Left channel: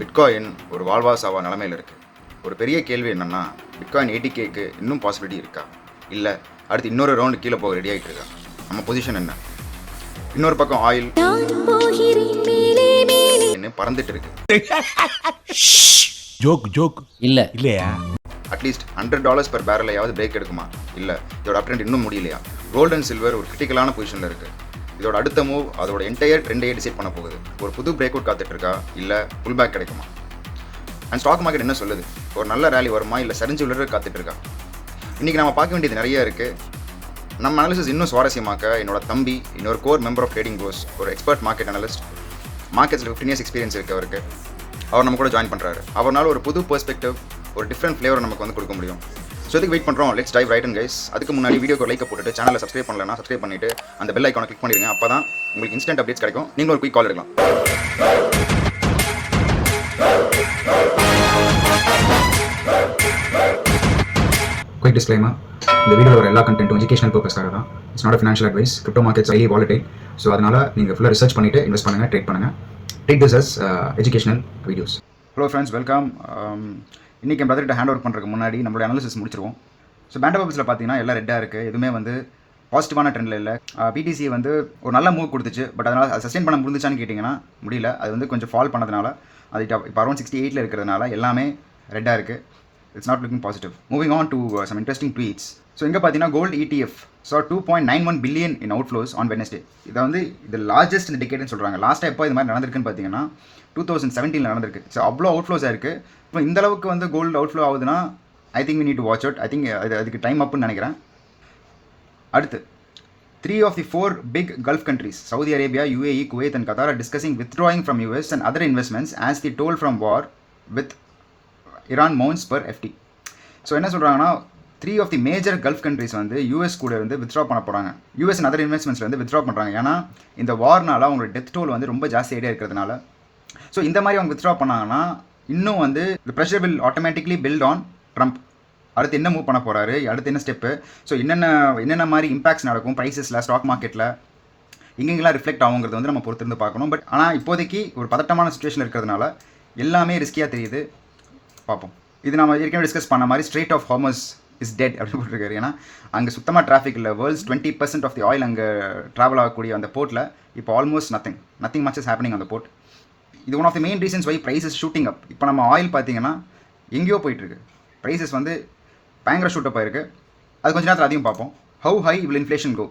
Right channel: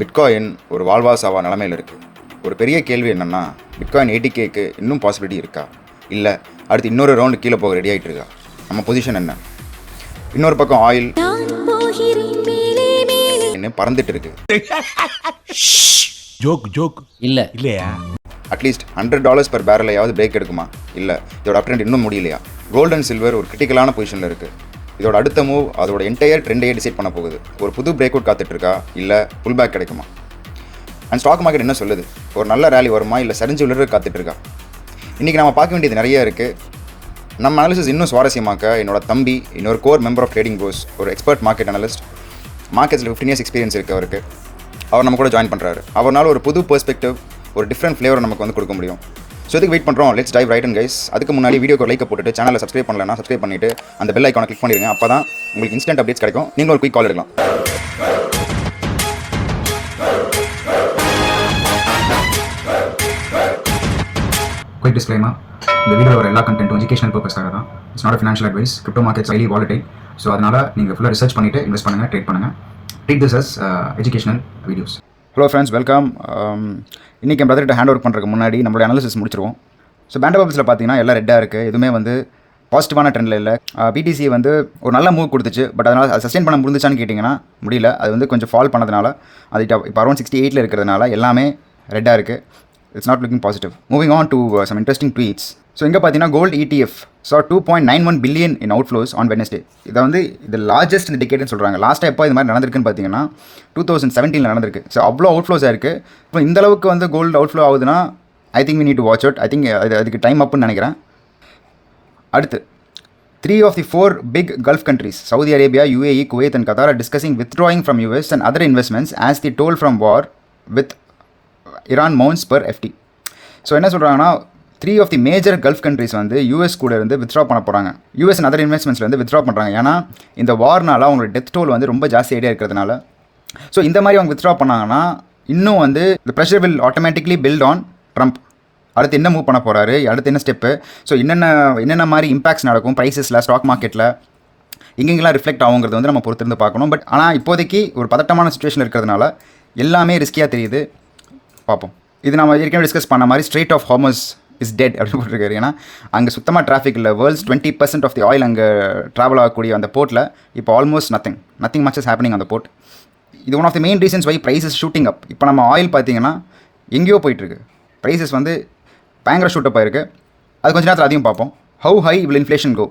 Bitcoin ஒரு வாழ்வா சாவா நிலமையில் இருக்குது. ஒரு பெரிய கேள்வி என்னென்னா, பிட்காயின் 80Kக்கு இன்னும் பாசிபிலிட்டி இருக்கா, இல்லை அடுத்து இன்னொரு ரவுண்டு கீழே போக ரெடி ஆகிட்டு இருக்கா? நம்ம பொசிஷன் என்ன? இன்னொரு பக்கம் ஆயில் என்ன பறந்துட்டு இருக்கு. ஜோக் இல்லை இல்லையா? அட்லீஸ்ட் $100 per பேரலையாவது பிரேக் எடுக்குமா? இல்லை, இதோட அப் ட்ரெண்ட் இன்னும் முடியலையா? கோல்டு அண்ட் சில்வர் ஒரு கிரிட்டிக்கலான பொசிஷனில் இருக்குது. இதோட அடுத்த மூவ் அதோட என்டையர் ட்ரெண்டையே டிசைட் பண்ண போகுது. ஒரு புது பிரேக் அவுட் காத்துட்ருக்கா, இல்லை புல் பேக் கிடைக்குமா? அண்ட் ஸ்டாக் மார்க்கெட் என்ன சொல்லுது? ஒரு நல்ல ரேலி வருமா, இல்லை சரிஞ்சு விழுற காத்துட்ருக்கா? இன்றைக்கி நம்ம பார்க்க வேண்டியது நிறைய இருக்குது. நம்ம அனாலிசிஸ் இன்னும் சுவாரஸ்யமாக்க என்னோட தம்பி, இன்னொரு core member of trading pros, ஒரு எக்ஸ்பர்ட் மார்க்கெட் அனலிஸ்ட், மார்க்கெட்ஸில் 15 years எக்ஸ்பீரியன்ஸ் இருக்குது அவருக்கு. அவர் நம்ம கூட ஜாயின் பண்ணுறாரு. அவரால் ஒரு புது பெர்ஸ்பெக்டிவ், ஒரு டிஃப்ரெண்ட் ஃப்ளேவர் நமக்கு வந்து கொடுக்க முடியும். ஸோ இதுக்கு வெயிட் பண்ணுறோம். Let's dive right and guys. அதுக்கு முன்னாடி வீடியோக்கு லைக் போட்டுட்டு சேனலை சப்ஸ்கிரைப் பண்ணலன்னா சப்ஸ்கிரைப் பண்ணிவிட்டு அந்த பெல் ஐக்கானை கிளிக் பண்ணிடுங்க. அப்போ தான் உங்களுக்கு இன்ஸ்டன்ட் அப்டேட்ஸ் கிடைக்கும். நீங்கள் ஒரு குயிக் கால் எடுக்கலாம். குயிக் டிஸ்க்ளைமர்: இந்த வீடியோவில் வர எல்லா கண்டென்ட்டும் எஜுகேஷனல் பர்பஸ்க்காக தான். It's not financial advice. Crypto markets highly volatile. So அதனால் நீங்கள் ஃபுல்லாக ரிசர்ச் பண்ணிவிட்டு இன்வெஸ்ட் பண்ணுங்கள், ட்ரேட் பண்ணுங்கள். Treat this as educational videos. Hello friends, welcome. இன்றைக்கி என் பிரதர்கிட்ட ஹேண்ட் ஓவர் பண்ணுறதுக்கு முன்னாடி நம்மளுடைய அனாலிசிஸ் முடிச்சிருவோம். ஸோ பேண்டா பப்ஸில் பார்த்தீங்கன்னா எல்லாம் ரெட்டாக இருக்குது. எதுவுமே வந்து பாசிட்டிவான ட்ரெண்டில் இல்லை. பிடிசி வந்து ஒரு நல்ல மூவ் கொடுத்துச்சு. பட் அதனால் அது சஸ்டெயின் பண்ண முடிஞ்சுச்சான்னு கேட்டிங்கன்னா முடியல. அது வந்து கொஞ்சம் ஃபால் பண்ணதுனால அது இப்போ அரௌண்ட் 68 இருக்கிறதுனால எல்லாமே ரெட்டாக இருக்குது. It's not looking positive. Moving on to some interesting tweets. So இங்கே பார்த்தீங்கன்னா gold ETF so 2.91 billion in outflows on Wednesday. இதை வந்து இது லார்ஜஸ்ட் இந்த டிக்கெட்னு சொல்கிறாங்க. லாஸ்ட்டாக எப்போ இது மாதிரி நடந்திருக்குன்னு பார்த்தீங்கன்னா 2017 நடந்திருக்கு. ஸோ அவ்வளோ அவுட்ஃப்ளோஸாக இருக்குது. இப்போ இந்த அளவுக்கு வந்து கோல்டு அவுட்ஃப்ளோ ஆகுதுன்னா I think we need to watch out. I think அதுக்கு டைம் அப்புன்னு நினைக்கிறேன். அடுத்து 3 of the 4 big Gulf countries, Saudi Arabia, UAE, Kuwait and Qatar, are discussing withdrawing from US and other investments as the toll from war with Iran mounts per FT. So என்ன சொல்கிறாங்கன்னா 3 of the major Gulf countries வந்து US கூட இருந்து withdraw பண்ண போகிறாங்க. US and other இன்வெஸ்ட்மெண்ட்ஸில் வந்து withdraw பண்ணுறாங்க. ஏன்னா இந்த வார்னால் அவங்களோட டெத் டோல் வந்து ரொம்ப ஜாஸ்தி ஐடியா இருக்கிறதுனால. ஸோ இந்த மாதிரி அவங்க வித்ட்ரா பண்ணாங்கன்னா இன்னும் வந்து இந்த pressure will automatically build on Trump. அடுத்து என்ன மூவ் பண்ண போகிறாரு, அடுத்து என்ன ஸ்டெப்பு, ஸோ என்னென்ன மாதிரி இம்பாக்ட்ஸ் நடக்கும் ப்ரைஸஸில், ஸ்டாக் மார்க்கெட்டில் எங்கெங்கெல்லாம் ரிஃப்ளெக்ட் ஆகுங்கிறது வந்து நம்ம பொறுத்திருந்து பார்க்கணும். பட் ஆனால் இப்போதைக்கு ஒரு பதட்டமான சுச்சுவேஷன் இருக்கிறதுனால எல்லாமே ரிஸ்கியாக தெரியுது. பார்ப்போம். இது நம்ம ஏற்கனவே டிஸ்கஸ் பண்ண மாதிரி strait of Hormuz is dead அப்படின்னு போட்டிருக்காரு. ஏன்னா அங்கே சுத்தமாக டிராஃபிக் இல்லை. வேர்ல்ட்ஸ் 20% ஆஃப் தி ஆயில் அங்கே ட்ராவல் ஆகக்கூடிய அந்த போர்ட்டில் இப்போ almost nothing much is happening அந்த போர்ட். இது one of the main reasons why price is shooting up. இப்போ நம்ம ஆயில் பார்த்தீங்கன்னா எங்கேயோ போயிட்டுருக்கு. ப்ரைஸஸ் வந்து பயங்கர ஷூட்டப் ஆயிருக்கு. அது கொஞ்சம் நேரத்தில் அதையும் பார்ப்போம். How high will inflation go?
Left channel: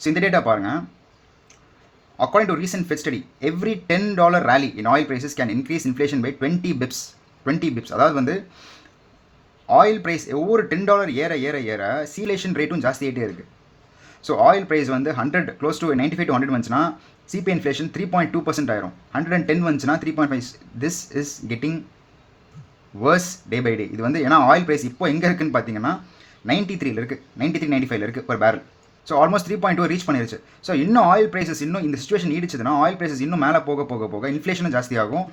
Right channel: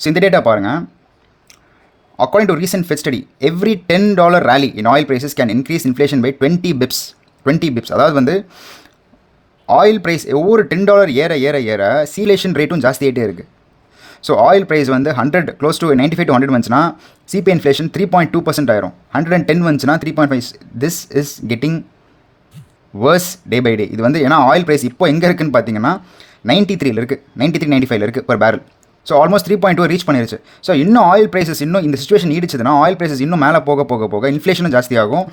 So இந்த டேட்டா பாருங்கள். According to recent Fed study, every $10 rally in oil prices can increase inflation by 20 pips. அதாவது வந்து ஆயில் ப்ரைஸ் ஒவ்வொரு $10 ஏற ஏற ஏற சீலேஷன் ரேட்டும் ஜாஸ்தி ஆகிட்டே இருக்குது. ஸோ ஆயில் ப்ரைஸ் வந்து 100 க்ளோஸ் டு 95 to 100 வந்துச்சுன்னா சிபிஐ இன்ஃப்ளேஷன் 3.2% ஆயிரும். 110 வந்துச்சுன்னா 3.5. This is getting worse day by day. இது வந்து ஏன்னா ஆயில் ப்ரைஸ் இப்போ எங்கே இருக்குதுன்னு பார்த்தீங்கன்னா 93 இருக்குது, 95 இருக்குது per barrel. So almost 3.2 reach பண்ணிருச்சு. ஸோ இன்னும் ஆயில் ப்ரைஸஸ் இன்னும் இந்த சுச்சுவேஷன் நீடிச்சதுன்னா ஆயில் ப்ரைஸஸ் இன்னும் மேலே போக இன்ஃப்ளேஷனும் ஜாஸ்தி ஆகும்.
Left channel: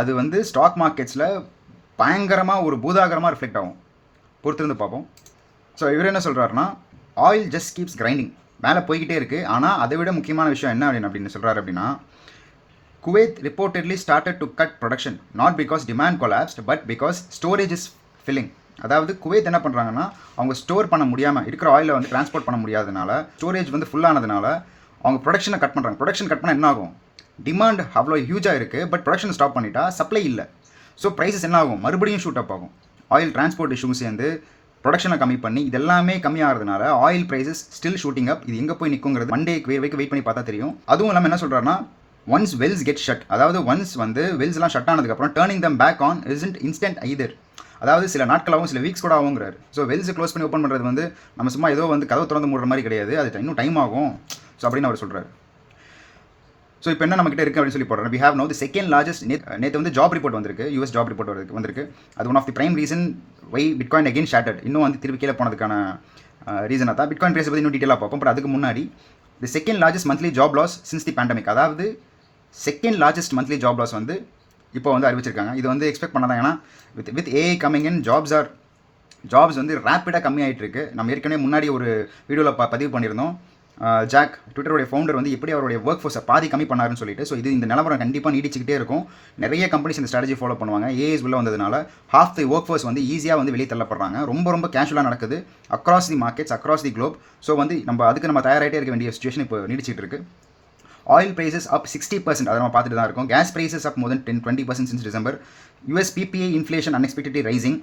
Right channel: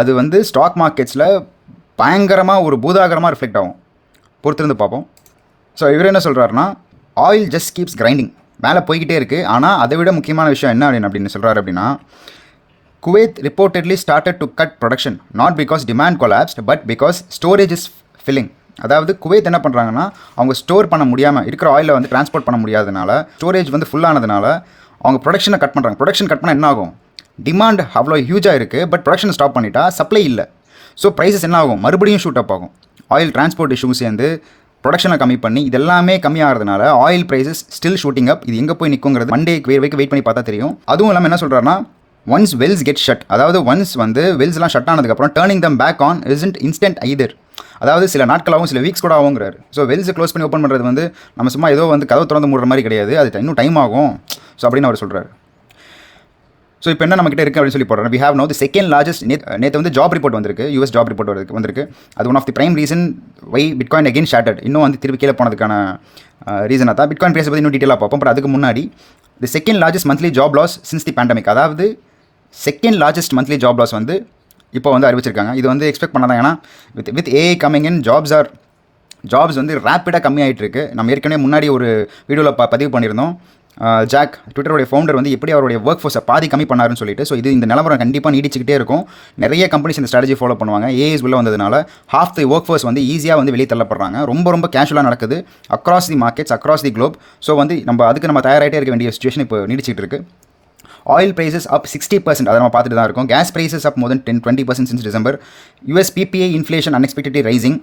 அது வந்து ஸ்டாக் மார்க்கெட்ஸில் பயங்கரமாக ஒரு பூதாகரமாக ரிஃப்ளெக்ட் ஆகும். பொறுத்திருந்து பார்ப்போம். ஸோ இவர் என்ன சொல்கிறாருன்னா, ஆயில் ஜஸ்ட் கீப்ஸ் கிரைண்டிங், மேலே போய்கிட்டே இருக்குது. ஆனால் அதை விட முக்கியமான விஷயம் என்ன அப்படின்னு சொல்கிறாரு அப்படின்னா, Kuwait reportedly started to cut production not because demand collapsed but because storage is filling. அதாவது குவைத் என்ன பண்ணுறாங்கன்னா, அவங்க ஸ்டோர் பண்ண முடியாமல் இருக்கிற ஆயிலை வந்து டிரான்ஸ்போர்ட் பண்ண முடியாதனால, ஸ்டோரேஜ் வந்து ஃபுல்லானதுனால அவங்க ப்ரொடக்ஷனை கட் பண்ணுறாங்க. ப்ரொடக்ஷன் கட் பண்ணால் என்ன ஆகும்? டிமாண்ட் அவ்வளோ ஹியூஜாக இருக்குது, பட் ப்ரொடக்ஷன் ஸ்டாப் பண்ணிட்டா சப்ளை இல்லை. ஸோ ப்ரைஸஸ் என்ன ஆகும்? மறுபடியும் ஷூட் அப் ஆகும். ஆயில் டிரான்ஸ்போர்ட் இஷ்யூ சேர்ந்து ப்ரொடக்ஷனை கம்மி பண்ணி இதெல்லாமே கம்மியாகிறதுனால ஆயில் ப்ரைஸஸ் ஸ்டில் ஷூட்டிங் அப். இது எங்கே போய் நிற்குங்கிறது மண்டே வரைக்கும் வெயிட் பண்ணி பார்த்தா தெரியும். அதுவும் இல்லாமல் என்ன சொல்கிறாருன்னா, ஒன்ஸ் வெல்ஸ் கெட் ஷட், அதாவது ஒன்ஸ் வந்து வெல்ஸ்லாம் ஷட் ஆனதுக்கப்புறம் turning them back on isn't instant either. அதாவது சில நாட்களாகவும் சில வீக்ஸ் கூட ஆகுங்கிறாரு. ஸோ வெல்ஸ் க்ளோஸ் பண்ணி ஓப்பன் பண்ணுறது வந்து நம்ம சும்மா ஏதோ வந்து கதவு திறந்து மூடுற மாதிரி கிடையாது. அது இன்னும் டைம் ஆகும். ஸோ அப்படின்னு அவர் சொல்கிறார். ஸோ இப்போ என்ன நம்மகிட்ட இருக்குது அப்படின்னு சொல்லி போடுறோம். We have no the second largest. நேற்று வந்து ஜாப் ரிப்போர்ட் வந்திருக்கு, யூஎஸ் ஜாப் ரிப்போர்ட் வந்திருக்கு. அது one of the prime reason why bitcoin again shattered. இன்னும் வந்து திருப்பி கீழே போனதுக்கான ரீசனாக தான். பிட்காயின் ப்ரைஸ் பற்றி இன்னும் டீட்டெயிலாக பார்ப்போம். பட் அதுக்கு முன்னாடி the second largest monthly job loss since the pandemic, அதாவது second largest monthly job loss வந்து இப்போ வந்து அறிவிச்சிருக்காங்க. இது வந்து எக்ஸ்பெக்ட் பண்ணாதான். ஏன்னா with AI coming in jobs வந்து ரேப்பிடாக கம்மியாகிட்டு இருக்குது. நம்ம ஏற்கனவே முன்னாடி ஒரு வீடியோவில் பதிவு பண்ணியிருந்தோம். ஜாக் ட்விட்டருடைய ஃபவுண்டர் வந்து எப்படி அவருடைய ஒர்க் ஃபோர்ஸை பாதி கம்மி பண்ணாருன்னு சொல்லிட்டு. ஸோ இந்த நிலவரம் கண்டிப்பாக நீடிச்சிக்கிட்டே இருக்கும். நிறைய கம்பெனிஸ் இந்த ஸ்ட்ராட்டஜி ஃபாலோ பண்ணுவாங்க. ஏஐஸ் உள்ள வந்ததுனால ஹாஃப் தி ஒர்க் ஃபோர்ஸ் வந்து ஈஸியாக வந்து வெளியே தள்ளப்படுறாங்க. ரொம்ப கேஷுவலாக நடக்குது across the markets, across the Globe. So வந்து நம்ம தயாராகிட்டே இருக்க வேண்டிய சுச்சுவேஷன் இப்போ நீடிச்சிட்டு இருக்கு. ஆயில் ப்ரைஸஸ் அப் 60%, அதை நம்ம பார்த்துட்டு தான் இருக்கோம். Gas prices up more then 10-20% since December. US PPI inflation unexpectedly rising.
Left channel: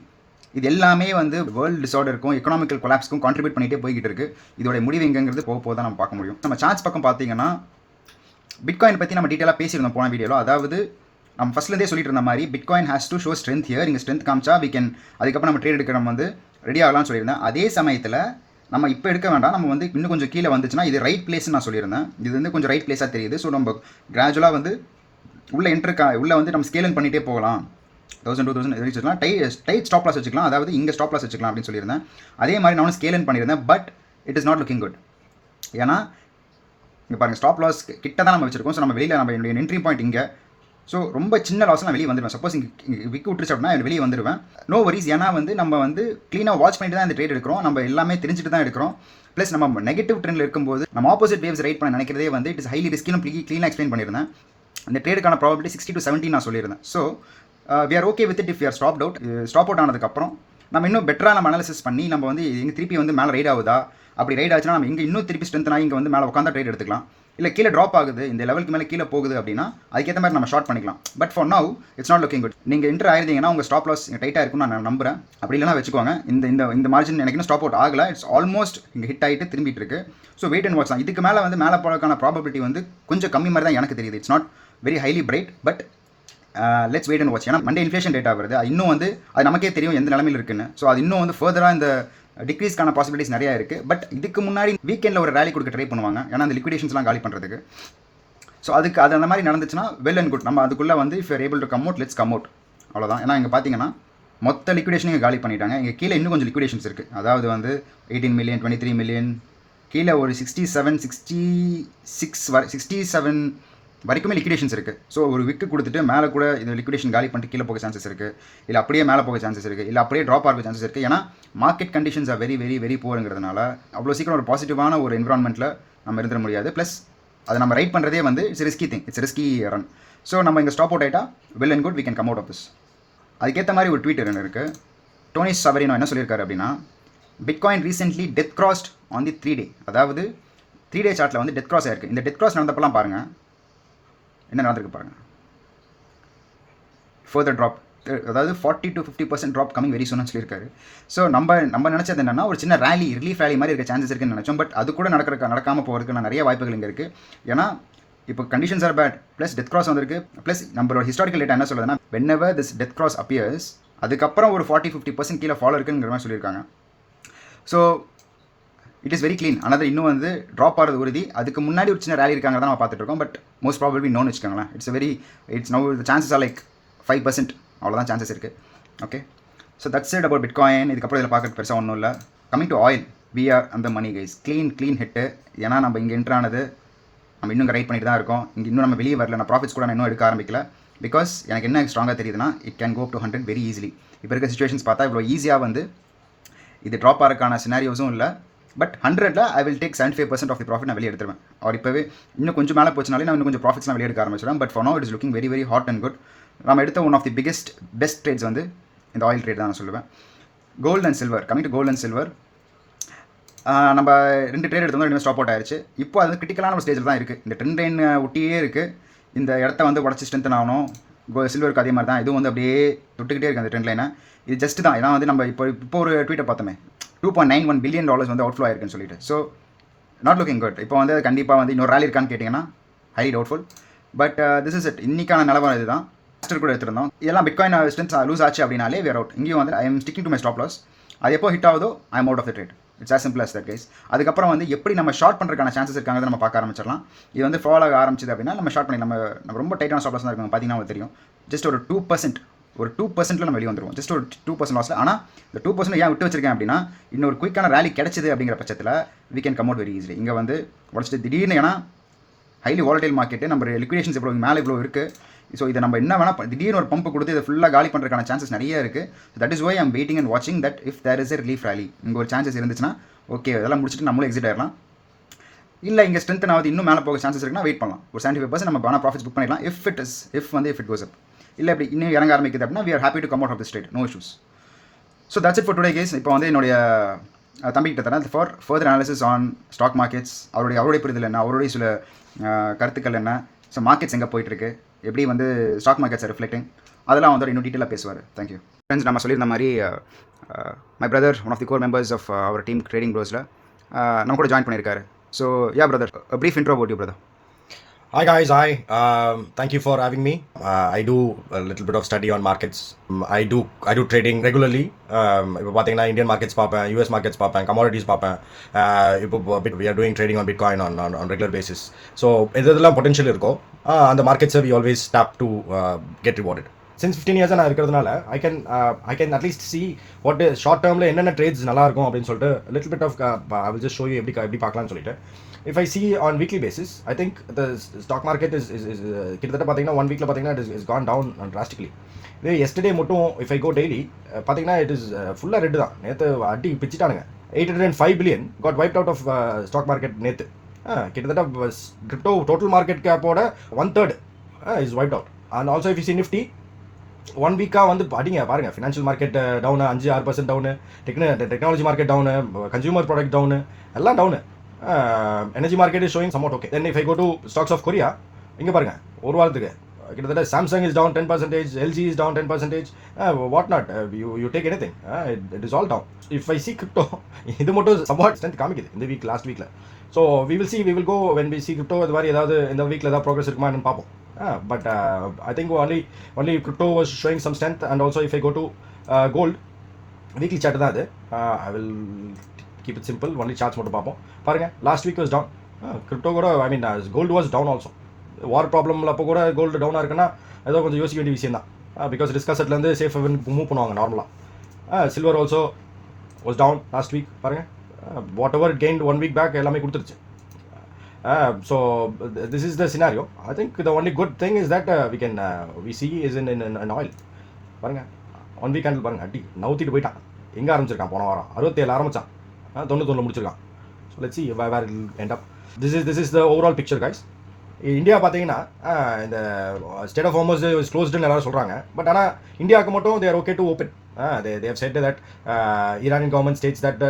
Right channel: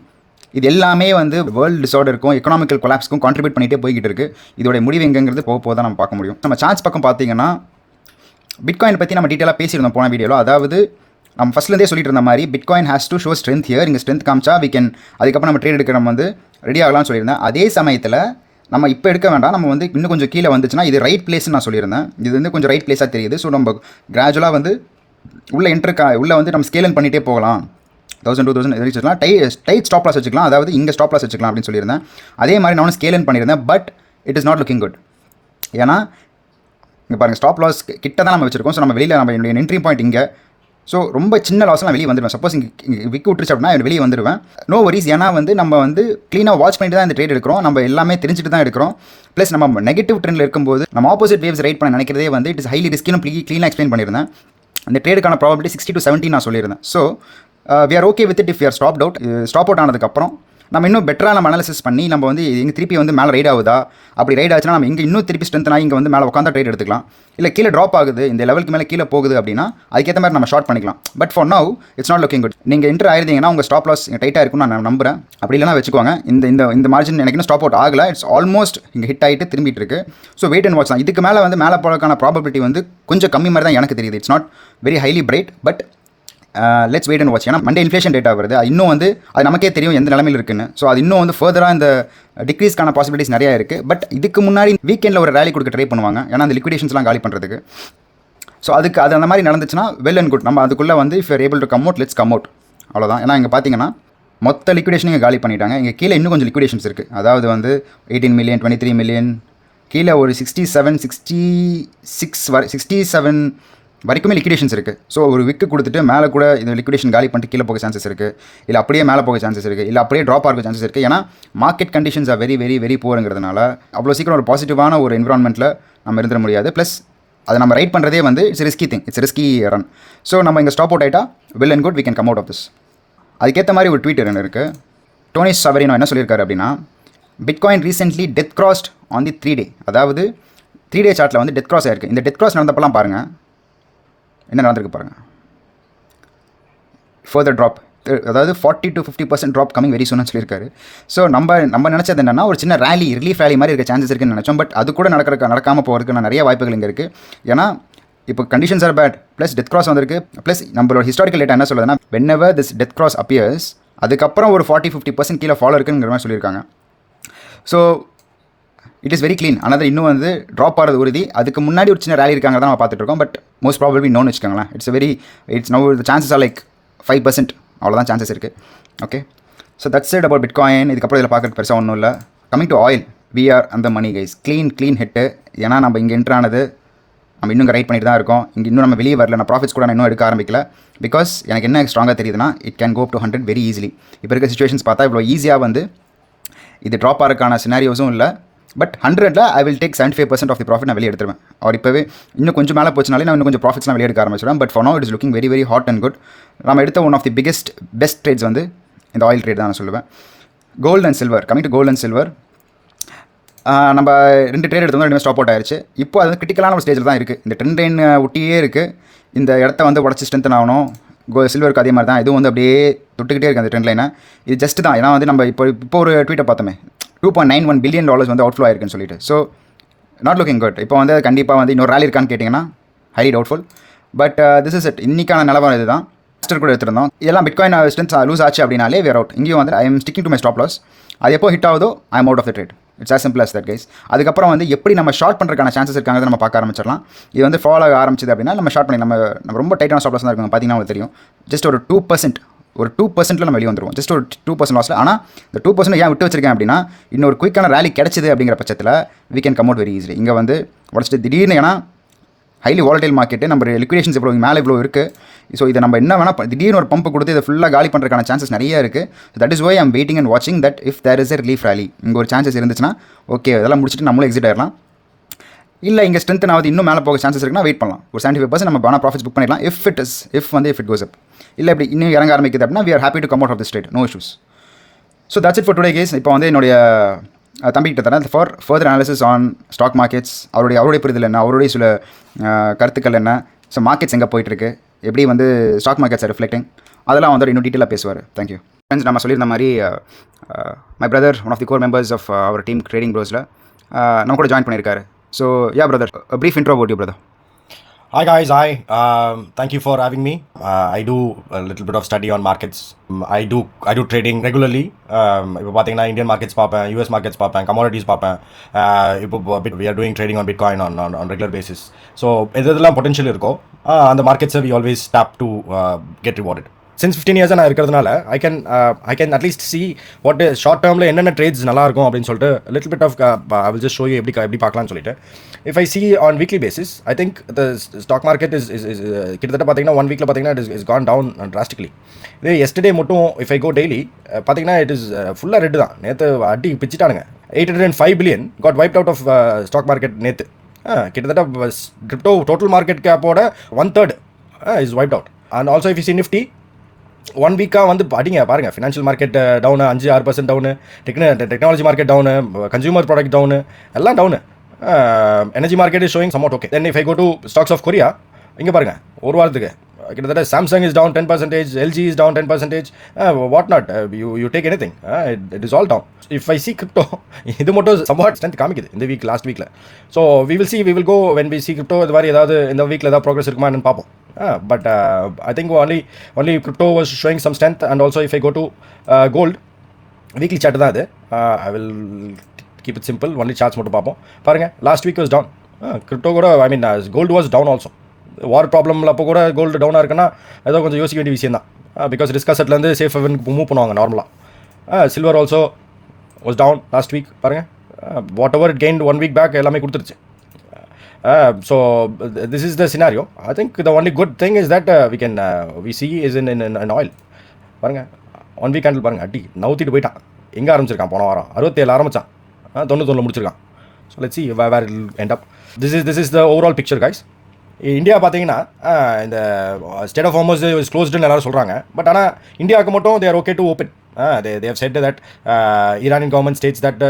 இது எல்லாமே வந்து வேர்ல்டு டிஸார்டருக்கும் எக்கனாமிக்கல் கொலாப்ஸ்க்கும் கான்ட்ரிபியூட் பண்ணிகிட்டே போய்கிட்டு இருக்குது. இதோட முடிவு எங்கேங்கிறது போக தான் நம்ம பார்க்க முடியும். நம்ம சார்ட்ஸ் பக்கம் பார்த்தீங்கன்னா பிட்காயின் பற்றி நம்ம டீட்டெயிலாக பேசியிருந்தோம் போன வீடியோவில். அதாவது நம்ம ஃபஸ்ட்லேருந்தே சொல்லிட்டு இருந்த மாதிரி bitcoin has to show strength here. இங்கே ஸ்ட்ரென்த் காமிச்சா வி கேன் அதுக்கப்புறம் நம்ம ட்ரேட் எடுக்க நம்ம வந்து ரெடி ஆகலாம்னு சொல்லியிருந்தேன். அதே சமயத்தில் நம்ம இப்போ எடுக்க வேண்டாம், நம்ம வந்து இன்னும் கொஞ்சம் கீழே வந்துச்சுன்னா இது ரைட் பிளேஸ்ன்னு நான் சொல்லியிருந்தேன். இது வந்து கொஞ்சம் ரைட் பிளேஸாக தெரியுது. ஸோ நம்ம கிராஜுவலாக வந்து உள்ளே வந்து நம்ம ஸ்கேலன் பண்ணிகிட்டே போகலாம். 1000-2000 வச்சுக்கலாம். டைட் ஸ்டாப் லாஸ் வச்சுக்கலாம். அதாவது இங்கே ஸ்டாப் லாஸ் வச்சுக்கலாம் அப்படின்னு சொல்லியிருந்தேன். அதே மாதிரி நானும் ஸ்கேலன் பண்ணியிருந்தேன். But it is not looking good. ஏன்னா இங்கே பாருங்கள், ஸ்டாப் லாஸ் கிட்ட தான் நம்ம வச்சுருக்கோம். ஸோ நம்ம வெளியில் நம்ம என்னுடைய என்ட்ரி பாயிண்ட் இங்கே. ஸோ ரொம்ப சின்ன லாஸ் நான் வெளியே வந்துடுவேன். சப்போஸ் இங்கே விக்கு விட்டுருச்சு அப்படின்னா வெளியே வந்துடுவேன். No worries. ஏன்னா வந்து நம்ம வந்து க்ளீனாக வாட்ச் பண்ணிட்டு தான் இந்த ட்ரேட் எடுக்கிறோம். நம்ம எல்லாமே தெரிஞ்சுட்டு தான் எடுக்கிறோம். ப்ளஸ் நம்ம நெகட்டிவ் ட்ரெண்டில் இருக்கும்போது நம்ம ஆப்போசிட் வேவ்ஸ் ரைட் பண்ண நினைக்கிறதே வந்து இட் இஸ் ஹைலி ரிஸ்கின்னு க்ளீனாக எக்ஸ்பிளைன் பண்ணியிருந்தேன். இந்த ட்ரேடுக்கான ப்ராபபிலிட்டி 60-70 நான் சொல்லியிருந்தேன். So we are okay with it if you are stop out ஆனதுக்கப்புறம் நம்ம இன்னும் பெட்டராக நம்ம அனாலிசிஸ் பண்ணி நம்ம வந்து இங்கே திருப்பி வந்து மேலே ரைட் ஆகுதா, அப்படி ரைட் ஆச்சுன்னா நம்ம இங்கே இன்னும் திருப்பி ஸ்ட்ரென்த்னா இங்கே வந்து மேலே உட்காந்தா ட்ரேட் எடுத்துக்கலாம். இல்லை கீழே ட்ராப் ஆகுது, இந்த லெவலுக்கு மேலே கீழே போகுது அப்படின்னா அதுக்கேற்ற மாதிரி நம்ம ஷார்ட் பண்ணிக்கலாம். But for now it's not looking good. நீங்கள் என்ட்ரு ஆயிருந்தீங்கன்னா உங்கள் ஸ்டாப் லாஸ் டைட்டாக இருக்கும்னு நான் நம்புறேன். அப்படி இல்லைனா வச்சுக்கோங்க. இந்த மார்ஜின் எனக்கு இன்னும் ஸ்டாப் அவுட் ஆகலை. இட்ஸ் ஆல்மோஸ்ட் இங்கே ஹிட் ஆகிட்டு திரும்பிட்டு இருக்கு. ஸோ வெயிட் அண்ட் வாட்ச் தான். இதுக்கு மேலே வந்து மேலே போகிறதுக்கான ப்ராபபிலிட்டி வந்து கொஞ்சம் கம்மி மாதிரி தான் எனக்கு தெரியுது. It's not very highly bright. But let's wait and watch. ஏன்னா மண்டே இன்ஃப்ளேஷன் டேட்டா வருது. இன்னும் வந்து அது நமக்கே தெரியும் எந்த நிலமையில் இருக்குன்னு. ஸோ அது இன்னும் வந்து ஃபர்தராக இந்த டிக்ரீஸ்க்கான பாசிபிலிட்டிஸ் நிறையா இருக்குது. பட் இதுக்கு முன்னாடி வீக்கெண்டில் ஒரு ரேலி கொடுக்க ட்ரை பண்ணுவாங்க. ஏன்னா அந்த லிக்விடேஷன்ஸ்லாம் காலி பண்ணுறதுக்கு. ஸோ அது அந்த மாதிரி நடந்துச்சுன்னா வெல் அண்ட் குட். நம்ம அதுக்குள்ளே வந்து if you're able to come out, let's come out. அவ்வளோதான். ஏன்னா இங்கே பார்த்தீங்கன்னா மொத்த லிக்விடேஷன் இங்கே காலி பண்ணிட்டாங்க. இங்கே கீழே இன்னும் கொஞ்சம் லிக்விடேஷன்ஸ் இருக்குது. அதாவது வந்து 18 மில்லியன், 23 மில்லியன், கீழே ஒரு 67 வரைக்குமே லிக்விடேஷன்ஸ் இருக்குது. ஸோ ஒரு விக்கு கொடுத்துட்டு மேலே கூட இந்த லிக்விடேஷன் காலி பண்ணிட்டு கீழே போக சான்சஸ் இருக்குது. இல்லை அப்படியே மேலே போக சான்சஸ் இருக்குது. இல்லை அப்படியே ட்ராப் ஆக சான்சஸ் இருக்குது. ஏன்னா market conditions are very very very போருங்கிறதுனால அவ்வளோ சீக்கிரம் ஒரு பாசிட்டிவான ஒரு என்விரான்மெண்ட்டில் நம்ம இருந்துட முடியாது. ப்ளஸ் அதை நம்ம ரைட் பண்ணுறதே வந்து it's risky thing, it's risky run. So நம்ம இங்கே ஸ்டாப் அவுட் ஆகிட்டா well and good, we can come out of this. அதுக்கேற்ற மாதிரி ஒரு ட்வீட் என்ன இருக்குது. டோனி சவரினோ என்ன சொல்லியிருக்காரு அப்படின்னா, bitcoin recently death crossed on the 3 டே. அதாவது 3 டே சார்ட்டில் வந்து டெத் கிராஸ் ஆயிருக்கு. இந்த டெத் கிராஸ் நடந்தப்பெல்லாம் பாருங்கள் என்ன நடந்திருக்கு பாருங்கள். ஃபர்தர் ட்ராப், அதாவது 40-50% ட்ராப் கமிங் வெரி சூன்னு சொல்லியிருக்காரு. ஸோ நம்ம நினச்சது என்னென்னா ஒரு சின்ன ரிலீஃப் ரேலி மாதிரி இருக்க சான்சஸ் இருக்குன்னு நினச்சோம். பட் அது கூட நடக்காமல் போகிறதுக்கு நிறைய வாய்ப்புகள் இங்கே இருக்குது. ஏன்னா இப்போ conditions are bad, plus death cross வந்திருக்கு. ப்ளஸ் நம்மளோட ஹிஸ்டாரிக்கல் டேட்டா என்ன சொல்லுதுன்னா, whenever this death cross appears அதுக்கப்புறம் ஒரு 40-50% கீழே ஃபாலோ இருக்குங்கிற மாதிரி சொல்லியிருக்காங்க. So it is very clean. ஆனால் இன்னும் வந்து ட்ராப் ஆகிறது உறுதி. அதுக்கு முன்னாடி ஒரு சின்ன ரேலி இருக்காங்க தான் நம்ம பார்த்துட்டு இருக்கோம். பட் மோஸ்ட் ப்ராபபிலி நோன்னு வச்சுக்கோங்களேன். It's no chances are like 5%. அவ்வளோதான் சான்சஸ் இருக்குது. Okay, so that's it about bitcoin. இதுக்கப்புறம் இதில் பார்க்குறது பெருசாக ஒன்றும் இல்லை. Coming to oil, we are அந்த மணி கைஸ். Clean hit. ஏன்னா நம்ம இங்கே என்ட்ரானது நம்ம இன்னும் ரைட் பண்ணிட்டு தான் இருக்கோம். இங்கே இன்னும் நம்ம வெளியே வரல. நான் ப்ராஃபிட்ஸ் கூட நான் இன்னும் எடுக்க ஆரம்பிக்கல. பிகாஸ் எனக்கு என்ன ஸ்ட்ராங்காக தெரியுதுன்னா, it can go up to 100 very easily. இப்போ இருக்க சுச்சுவேஷன்ஸ் பார்த்தா இவ்வளோ ஈஸியாக வந்து இது ட்ராப் ஆகிறதுக்கான சினாரியோஸும் இல்லை. பட் 100ல் I will take 75% of the profit நான் வெளியே எடுத்துருவேன். அவர் இப்போவே இன்னும் கொஞ்சம் மேலே போச்சுனாலே நான் இன்னும் கொஞ்சம் ப்ராஃபிட்ஸ்லாம் வெளியே எடுக்க ஆரம்பிச்சிடுவேன். But for now it is looking very very hot and good. நம்ம எடுத்த one of the best trades வந்து இந்த ஆயில் ட்ரேட் தான் நான் சொல்லுவேன். Gold and silver. Coming to gold and silver, நம்ம 2 ட்ரேட் எடுத்தோம், 2 ஸ்டாப் அவுட் ஆயிடுச்சு. இப்போ அது கிரிட்டிக்கலான ஒரு ஸ்டேஜில் தான் இருக்குது. இந்த ட்ரெண்ட் லைன் ஒட்டியே இருக்குது. இந்த இடத்த வந்து உடச்சி ஸ்ட்ரென்த்தன் ஆகணும். சில்வருக்கு அதே மாதிரி தான். இதுவும் வந்து அப்படியே தொட்டுக்கிட்டே இருக்குது அந்த ட்ரெண்ட் லைனை. இது ஜஸ்ட் தான். ஏன்னா வந்து நம்ம இப்போ ஒரு ட்வீட்டை பார்த்தோமே, $2.91 பில்லியன் வந்து அவுட்ஃப்ளோ ஆயிருக்குன்னு சொல்லிட்டு. So not looking good. இப்போ வந்து கண்டிப்பாக வந்து இன்னொரு ரேலி இருக்கான்னு கேட்டிங்கன்னா highly doubtful. But this is it. இன்றைக்கான நிலவரம் இது தான். மாஸ்டர் கூட எடுத்திருந்தோம். இதெல்லாம் பிட்காயின் ஸ்ட்ரென்த் லூஸ் ஆச்சு அப்படின்னாலே வேர் அவுட். இங்கேயும் வந்து I am sticking to my stop loss. அது எப்போ ஹிட் ஆகுதோ I am out of the trade. It's as simple as that guys. அதுக்கப்புறம் வந்து எப்படி நம்ம ஷார்ட் பண்ணுறதுக்கான சான்சஸ் இருக்காங்க நம்ம பார்க்க ஆரம்பிச்சிடலாம். இது வந்து ஃபாலோ ஆக ஆரம்பிச்சது அப்படின்னா நம்ம ஷார்ட் பண்ணி நம்ம ரொம்ப டைட்டான ஸ்டாப் லாஸ் தான் இருக்கும். பார்த்தீங்கன்னா உங்களுக்கு தெரியும். ஜஸ்ட் ஒரு 2% நம்ம வெளியே வந்துடுவோம். ஜஸ்ட் ஒரு 2% லாஸில். ஆனால் இந்த 2% ஏன் விட்டு வச்சிருக்கேன் அப்படின்னா, இன்னொரு குயிக்கான ரேலி கிடச்சிது அப்படிங்கிற பட்சத்தில் we can come out very easily. இங்கே வந்து உடச்சிட்டு திடீர்னு, ஏன்னா ஹைலி வாலடைல் மார்க்கெட்டு, நம்ம லிக்விடேஷன்ஸ் இவ்வளோ மேலே இவ்வளோ இருக்குது. ஸோ இதை நம்ம என்ன வேணால் திடீர்னு ஒரு பம்பு கொடுத்து இதை ஃபுல்லாக காலி பண்ணுறதுக்கான சான்சஸ் நிறைய இருக்குது. That is why I'm waiting and வாட்சிங் that if there is a relief rally. இங்கே ஒரு சான்சஸ் இருந்துச்சுன்னா ஓகே, இதெல்லாம் முடிச்சுட்டு நம்மளும் எக்ஸிட் ஆயிடலாம். இல்லை இங்கே ஸ்ட்ரென்த் ஆகுது இன்னும் மேலே போக சான்சஸ் இருக்குன்னா வெயிட் பண்ணலாம். ஒரு 75% நம்ம பேனா ப்ராஃபிட்ஸ் புக் பண்ணிடலாம். இஃப் இட் கோஸ் அப். இல்லை இப்படி இன்னும் இறங்க ஆரம்பிக்குது அப்படின்னா we are happy to come out of this trade, no issues. So that's it for today guys. இப்போ வந்து என்னுடைய தம்பிக்கிட்ட தரேன் for further analysis on stock markets. அவருடைய புரிதல் என்ன, அவருடைய சில கருத்துக்கள் என்ன, ஸோ மார்க்கெட்ஸ் எங்கே போயிட்டுருக்கு, எப்படி வந்து ஸ்டாக் மார்க்கெட்ஸ் ரிஃப்ளெக்டிங், அதெல்லாம் வந்து இன்னும் டீட்டெயிலாக பேசுவார். Thank you friends. நம்ம சொல்லியிருந்த மாதிரி my brother one of the core members of our team trading ப்ரோஸில் நம்ம கூட ஜாயின் பண்ணியிருக்காரு. So yeah brother, brief intro about you brother. Hi guys, hi. Thank you for having me. I do a little bit of study on markets. I do trading regularly. இப்போ பார்த்தீங்கன்னா Indian markets பார்ப்பேன், US markets பார்ப்பேன், commodities பார்ப்பேன். இப்போ we are doing trading on Bitcoin on regular basis. So எதெல்லாம் potential இருக்கோ அந்த மார்க்கெட்ஸை we always tap to get rewarded. Since 15 years நான் இருக்கிறதுனால I can at least see what short டேர்மில் என்னென்ன ட்ரேட்ஸ் நல்லா இருக்கும் அப்படின்னு சொல்லிட்டு little bit of I will just show you எப்படி பார்க்கலாம்னு சொல்லிட்டு. If I see on weekly basis, I think the stock market is கிட்டத்தட்ட பார்த்தீங்கன்னா 1 வீக்கில் பார்த்தீங்கன்னா it is gone down drastically. இதே yesterday மட்டும் if I go daily பார்த்தீங்கன்னா it is ஃபுல்லாக ரெட்டு தான். நேற்று அடி பிச்சிட்டானுங்க. 805 billion got wiped out of stock market நேற்று. கிட்டத்தட்ட கிரிப்டோ டோட்டல் மார்க்கெட் கேப்போட 1/3 is wiped out. And also if you see Nifty 1 வீக்காக வந்து அடிங்க பாருங்கள். Financial market down 5-6% down, technology market down, consumer product down, எல்லாம் down. Energy market is showing somewhat okay. Then if I go to stocks of Korea, இங்கே பாருங்கள் ஒரு வாரத்துக்கு கிட்டத்தட்ட Samsung is down 10%, LG is down 10%, what not, you take anything, it is all down. If I see crypto இது மட்டும் somewhat strength காமிக்குது இந்த week, last வீக்கில். So we will go when we see crypto இது மாதிரி ஏதாவது இந்த வீக்கில் ஏதாவது ப்ரோக்ரஸ் இருக்குமா என்னன்னு பார்ப்போம். But I think only crypto was showing some strength. And also if I go to gold, weekly chart தான் அது. I will keep it simple, only charts மட்டும் பார்ப்போம். பாருங்கள் last week was down. Crypto கூட gold was down also. வார் ப்ராப்ளமில் அப்போ கூட gold டவுனாக இருக்குன்னா ஏதோ கொஞ்சம் யோசிக்க வேண்டிய விஷயம் தான். பிகாஸ் ரிஸ்க் அசெட்லேருந்து சேஃப் ஹெவனுக்கு மூவ் பண்ணுவாங்க நார்மலாக. Silver also was down last week. பாருங்கள் whatever it gained 1 week back எல்லாமே கொடுத்துருச்சு. So this is the scenario. I think the only good thing is that we see is in oil. பாருங்க 1 week candle பாருங்க அடி நவுத்திட்டு போயிட்டான். எங்கே ஆரம்பிச்சிருக்கான் போன வாரம் 67 ஆரம்பிச்சான், 91 முடிச்சிருக்கான். So let's see where it will end up. This is the overall picture guys. India பார்த்தீங்கன்னா இந்த ஸ்டேட் ஆஃப் ஹார்மஸ் இஸ் க்ளோஸ்டுன்னு எல்லாரும் சொல்கிறாங்க. பட் ஆனால் இந்தியாவுக்கு மட்டும் they are okay to open. They have said that Iranian government states that the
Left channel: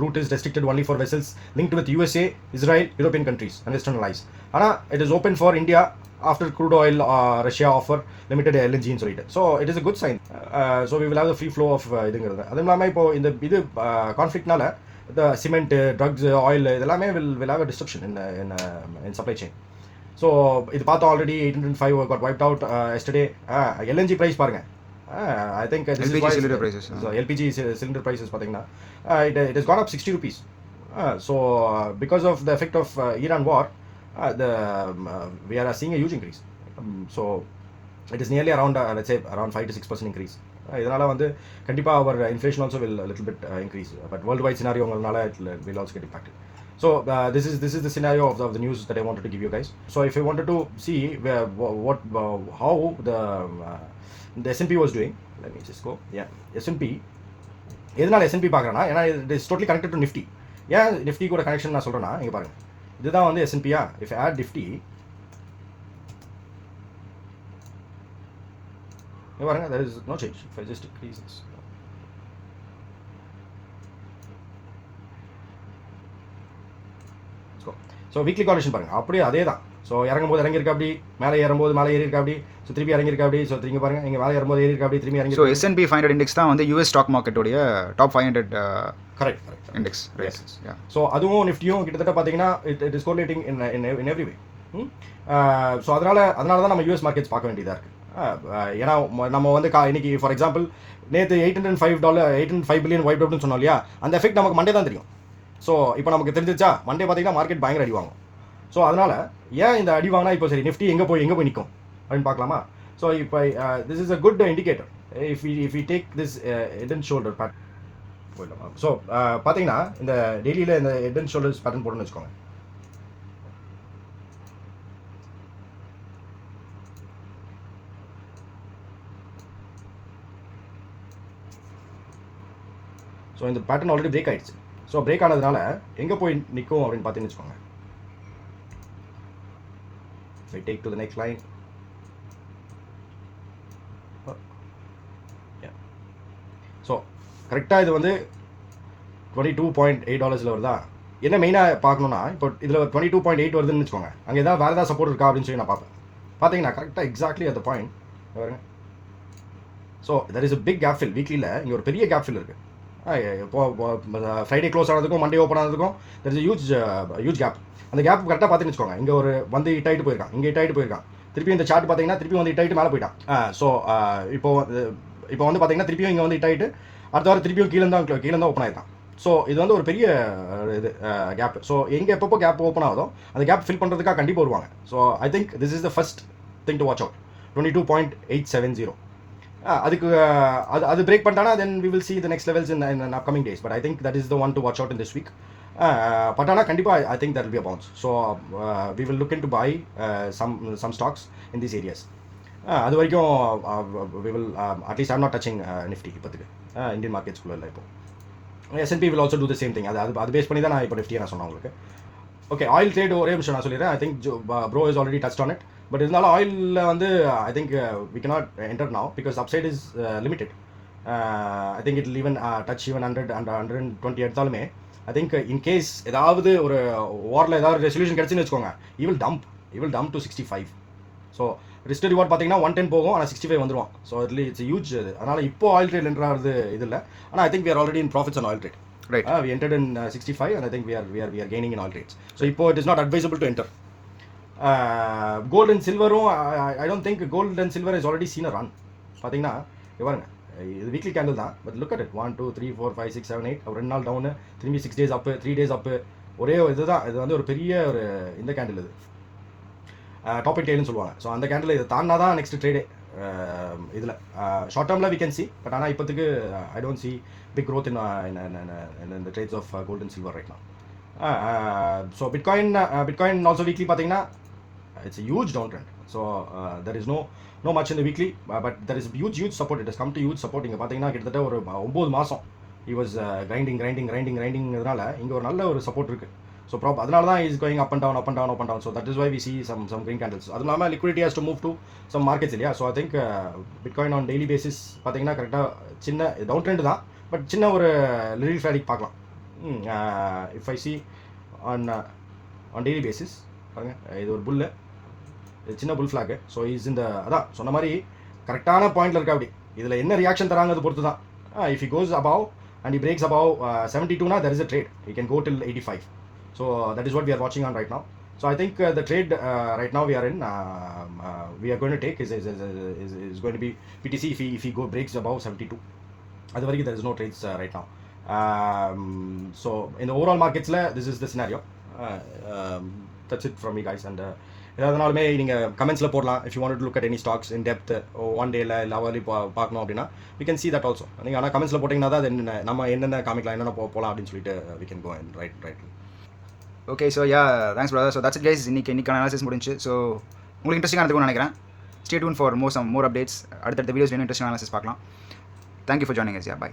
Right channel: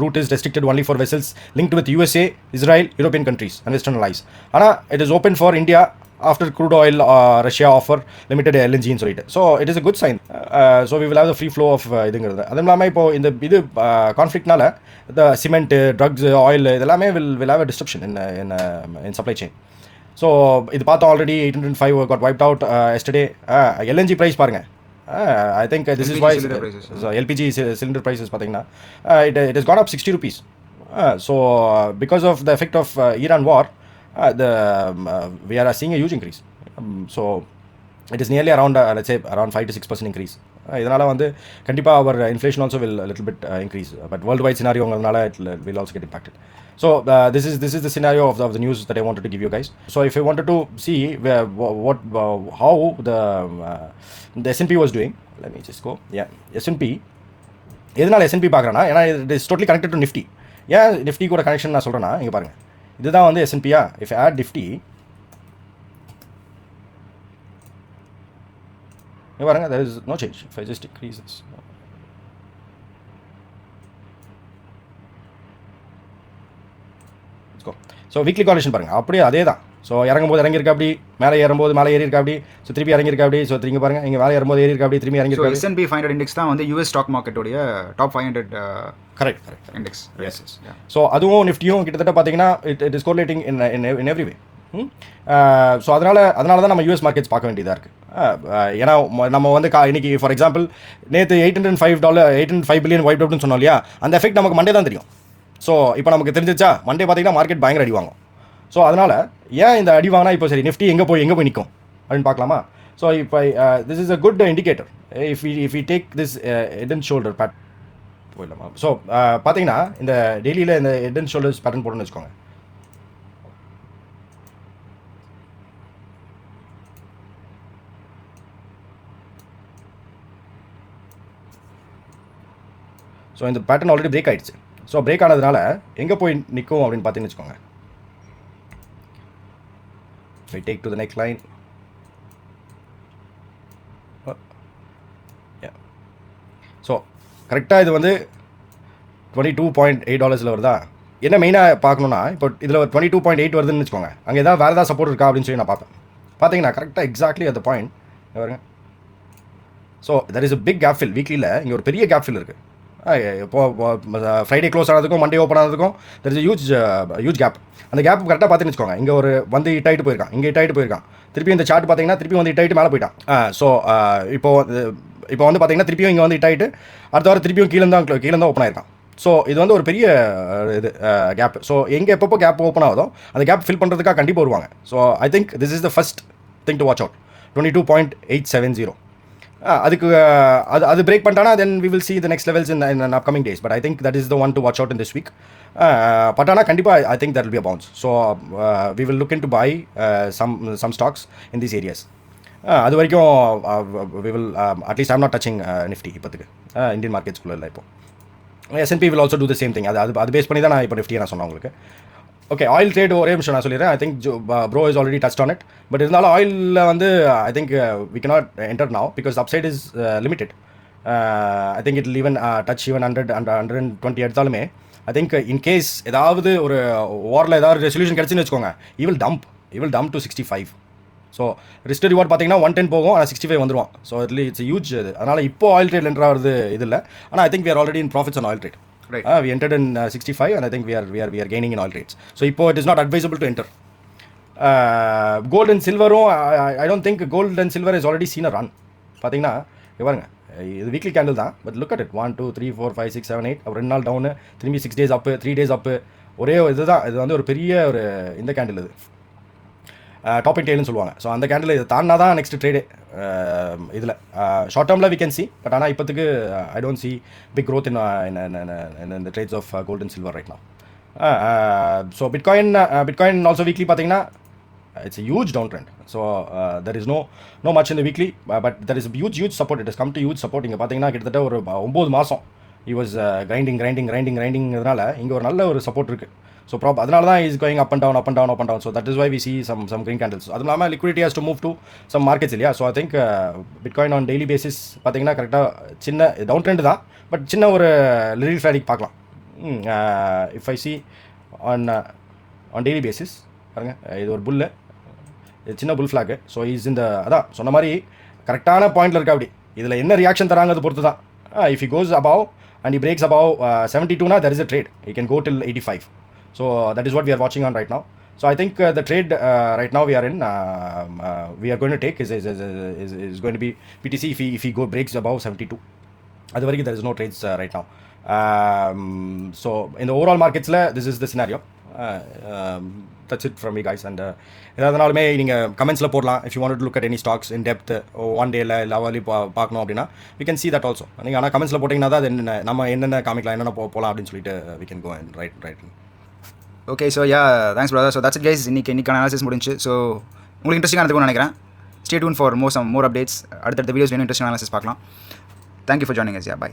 route is restricted only for vessels linked with USA, Israel, European countries and Western allies. Ana it is open for India after crude oil Russia offer limited LNG in solid. So it is a good sign. So we will have the free flow of இதுங்கிறது. அது இல்லாமல் இப்போ இந்த இது கான்ஃப்ளிக்ட்னால the cement, drugs, oil இதெல்லாமே will have a disruption in supply chain. So இது பார்த்தோம் already 805 got wiped out yesterday. LNG price பாருங்க. I think this LPG is why cylinder prices, so LPG cylinder prices பார்த்தீங்கன்னா it has gone up 60 rupees. So because of the effect of Iran war, we are seeing a huge increase. So it is nearly around let's say around 5 to 6% increase. இதனால் வந்து கண்டிப்பாக our inflation also will a little bit increase. But worldwide scenarioங்கனால it will also get impacted. So this is the scenario of the news that I wanted to give you guys. So if you wanted to see how the S&P was doing, let me just go. Yeah, S&P எதனால் S&P பார்க்குறேன்னா ஏன்னா it is totally connected to Nifty. ஏன் Nifty கூட connection நான் சொல்கிறேன்னா இங்கே பாருங்கள் இதுதான் வந்து S&P-யா. if I add Nifty இங்கே பாருங்கள் there is no change. if I just increase this, so weekly காலேஷன் பாருங்கள் அப்படியே அதே தான். ஸோ இறங்கும்போது இறங்கியிருக்கா அப்படி, மேலே ஏறும்போது மேலே ஏறியிருக்கா அப்படி, ஸோ திருப்பி இறங்கியிருக்கா அப்படி, ஸோ திரும்பி பாருங்கள் இங்கே மேலே ஏறும்போது ஏறியிருக்கா அப்படி, திரும்பி இறங்கி. ஸோ S&P 500 இண்டெக்ஸ் தான் வந்து யூஎஸ் ஸ்டாக் மார்க்கெட்டோடைய டாப் 500 கரெக்ட் இண்டெக்ஸ். ஸோ அதுவும் நிஃப்டியும் கிட்டத்தட்ட பார்த்தீங்கன்னா it is correlating in every way. So அதனால தான் நம்ம யூஎஸ் மார்க்கெட்ஸ் பார்க்க வேண்டியதாக இருக்குது. ஏன்னா நம்ம வந்து இன்னைக்கு ஃபார் எக்ஸாம்பிள் நேற்று $805 billion வைப் அவுட்னு சொன்னோம் இல்லையா, அந்த எஃபெக்ட் நமக்கு மண்டே தான் தெரியும். ஸோ இப்போ நமக்கு தெரிஞ்சிச்சா மண்டே பார்த்தீங்கன்னா மார்க்கெட் பயங்கர அடி வாங்கும். ஸோ அதனால் ஏன் இந்த அடி வாங்கினா இப்போ சரி நிஃப்டி எங்கே போய் நிற்கும் அப்படின்னு பார்க்கலாமா. ஸோ இப்போ this is a good indicator if we take this head and shoulder pattern போயிடலாமா. ஸோ பார்த்தீங்கன்னா இந்த டெய்லியில் இந்த ஹெட் அண்ட் ஷோல்டர்ஸ் பேட்டர்ன் போட்டுன்னு வச்சுக்கோங்க. ஸோ இந்த பேட்டர்ன் ஆல்ரெடி பிரேக் ஆகிடுச்சு. ஸோ பிரேக் ஆனதுனால எங்கே போய் நிற்கும் அப்படின்னு பார்த்தீங்கன்னு வச்சுக்கோங்க. I take to the next line, so கரெக்டாக இது வந்து $22.8 வருதா. என்ன மெயினாக பார்க்கணுன்னா, இப்போ இதில் 22.8 வருதுன்னு வச்சுக்கோங்க, அங்கே ஏதாவது வேறு ஏதாவது சப்போர்ட் இருக்கா அப்படின்னு சொல்லி நான் பார்ப்பேன். பார்த்தீங்கன்னா கரெக்டாக எக்ஸாக்ட்லி அந்த பாயிண்ட் பாருங்க. So that is a big gap fill. வீக்லியில் இங்கே ஒரு பெரிய கேப் ஃபில் இருக்குது. இப்போ ஃப்ரைடே க்ளோஸ் ஆனதுக்கும் மண்டே ஓப்பன் ஆனதுக்கும் தெர் இஸ் ஹியூஜ் கேப். அந்த கேப் கரெக்டாக பார்த்துன்னு வச்சுக்கோங்க, இங்கே ஒரு வந்து ஹிட் ஆகிட்டு போயிருக்கான், இங்கே ஹிட் ஆகிட்டு போயிருக்கான், திருப்பி இந்த சார்ட் பார்த்தீங்கன்னா திருப்பி வந்து ஹிட் ஆகிட்டு மேலே போயிட்டான். ஸோ இப்போ வந்து பார்த்தீங்கன்னா திருப்பியும் இங்கே வந்து ஹிட் ஆகிட்டு அடுத்த வாரம் திருப்பியும் கீழே தான் ஓப்பன் ஆயிருக்கான். ஸோ இது வந்து ஒரு பெரிய இது கேப். ஸோ எங்கே எப்பப்போ கேப் ஓப்பன் ஆகுதோ அந்த கேப் ஃபில் பண்ணுறதுக்காக கண்டிப்பாக வருவாங்க. So I think this is the first thing to watch out. 22.870 அதுக்கு அது பிரேக் பண்ணிட்டானா then we will see the next levels in upcoming days, but I think that is the one to watch out in this week. But ஆனால் கண்டிப்பாக I think that will be a bounce. So we will look into buy some stocks in these areas. அது வரைக்கும் we will at least I'm not touching Nifty இப்போதுக்கு Indian மார்க்கெட்ஸ்குள்ளே இல்லை. இப்போ S&P will also do the same thing. அது base பண்ணி தான் நான் இப்போ நிஃப்டியை நான் சொன்னேன் உங்களுக்கு. ஓகே, ஆயில் ட்ரேட் ஒரே நிமிஷம் நான் சொல்லிடுறேன். I think bro is already touched on it. But இருந்தாலும் ஆயிலில் வந்து I think we cannot enter now because upside is limited. I think it will even touch even 100 and 120 எடுத்தாலுமே ஐ திங்க் இன்கேஸ் ஏதாவது ஒரு வாரில் ஏதாவது ரெசல்யூஷன் கிடச்சின்னு வச்சுக்கோங்க, he will dump to 65. So risk reward பார்த்தீங்கன்னா 110 போகும், ஆனால் 65 வந்துடும். ஸோ இட்ஸ் ஹியூஜ் இது. அதனால் இப்போ ஆயில் ட்ரேட் என்ட்ரு ஆகிறது இது இல்லை. ஆனால் I think we are already in profits on oil trade. Right. We entered in 65 and I think we are gaining in oil trades. So இப்போ it is not advisable to enter. Gold and silver, I don't think gold and silver has already seen a run. பார்த்தீங்கன்னா பாருங்க, இது weekly candle தான், but look at it 1 2 3 4 5 6 7 8 ஒரு 2 நாள் town, திரும்பி 6 days அப்பு, 3 days அப்பு. ஒரே இதுதான், இது வந்து ஒரு பெரிய ஒரு இந்த கேண்டில் இது டாப் அண்ட் டெயில்னு சொல்லுவாங்க. ஸோ அந்த கேண்டில் இது தாண்டினா தான் நெக்ஸ்ட் ட்ரேடே இதில் ஷார்ட் டேர்மில் வி கேன் சி. பட் ஆனால் இப்போத்துக்கு I don't see big growth in the trades of gold and silver right now. So Bitcoin also weekly பார்த்தீங்கன்னா it's a huge downtrend. So there is no much in the weekly, but there is a huge support. It has come to huge support. இங்கே பார்த்தீங்கன்னா கிட்டத்தட்ட ஒரு 9 மாதம் he was grinding இங்கே ஒரு நல்ல ஒரு சப்போர்ட் இருக்குது. ஸோ அதனால தான் is going up and down. So that is why we see some green candles. அதுவும் இல்லாமல் liquidity has to move to some markets இல்லையா. So I think Bitcoin on daily basis பார்த்தீங்கன்னா கரெக்டாக சின்ன டவுன் ட்ரெண்ட் தான், but சின்ன ஒரு little ஃப்ளாடிக் பார்க்கலாம். If I C on daily basis பாருங்கள், இது ஒரு புல்லு, இது சின்ன புல் ஃப்ளாக்கு. ஸோ இஸ் இந்த அதான் சொன்ன மாதிரி கரெக்டான பாயிண்டில் இருக்கா. அப்படி இதில் என்ன ரியாக்ஷன் தராங்கிறது பொறுத்து தான். If he goes above and he breaks above 72 there is a trade. He can go till 85. So that is what we are watching on right now. So I think the trade right now we are in, we are going to take is going to be BTC if he breaks above 72. அது வரைக்கும் there is no trades right now. So in the overall markets this is the scenario. That's it from me guys. And எதாவதுனாலுமே நீங்கள் கமெண்ட்ஸில் போடலாம். If you want to look at any stocks in depth one டேயில் இல்லை hourly பார்க்கணும் அப்படின்னா we can see that also. நீங்கள் ஆனால் கமெண்ட்ஸில் போட்டிங்கன்னா தான் அது நம்ம என்னென்ன காமிக்கலாம், என்னென்ன போகலாம் அப்படின்னு சொல்லிட்டு we can go and write. Okay, so thanks brother. So that's it guys. இன்னைக்கான அனாலிசிஸ் முடிஞ்சு. ஸோ உங்களுக்கு இன்ட்ரெஸ்டிங்காக இருக்கும்னு நினைக்கிறேன். Stay tuned for more updates. அடுத்தடுத்த வீடியோஸ் வேணும் இன்ட்ரெஸ்டிங் அனாலிசிஸ் பார்க்கலாம். Thank you for joining us. By.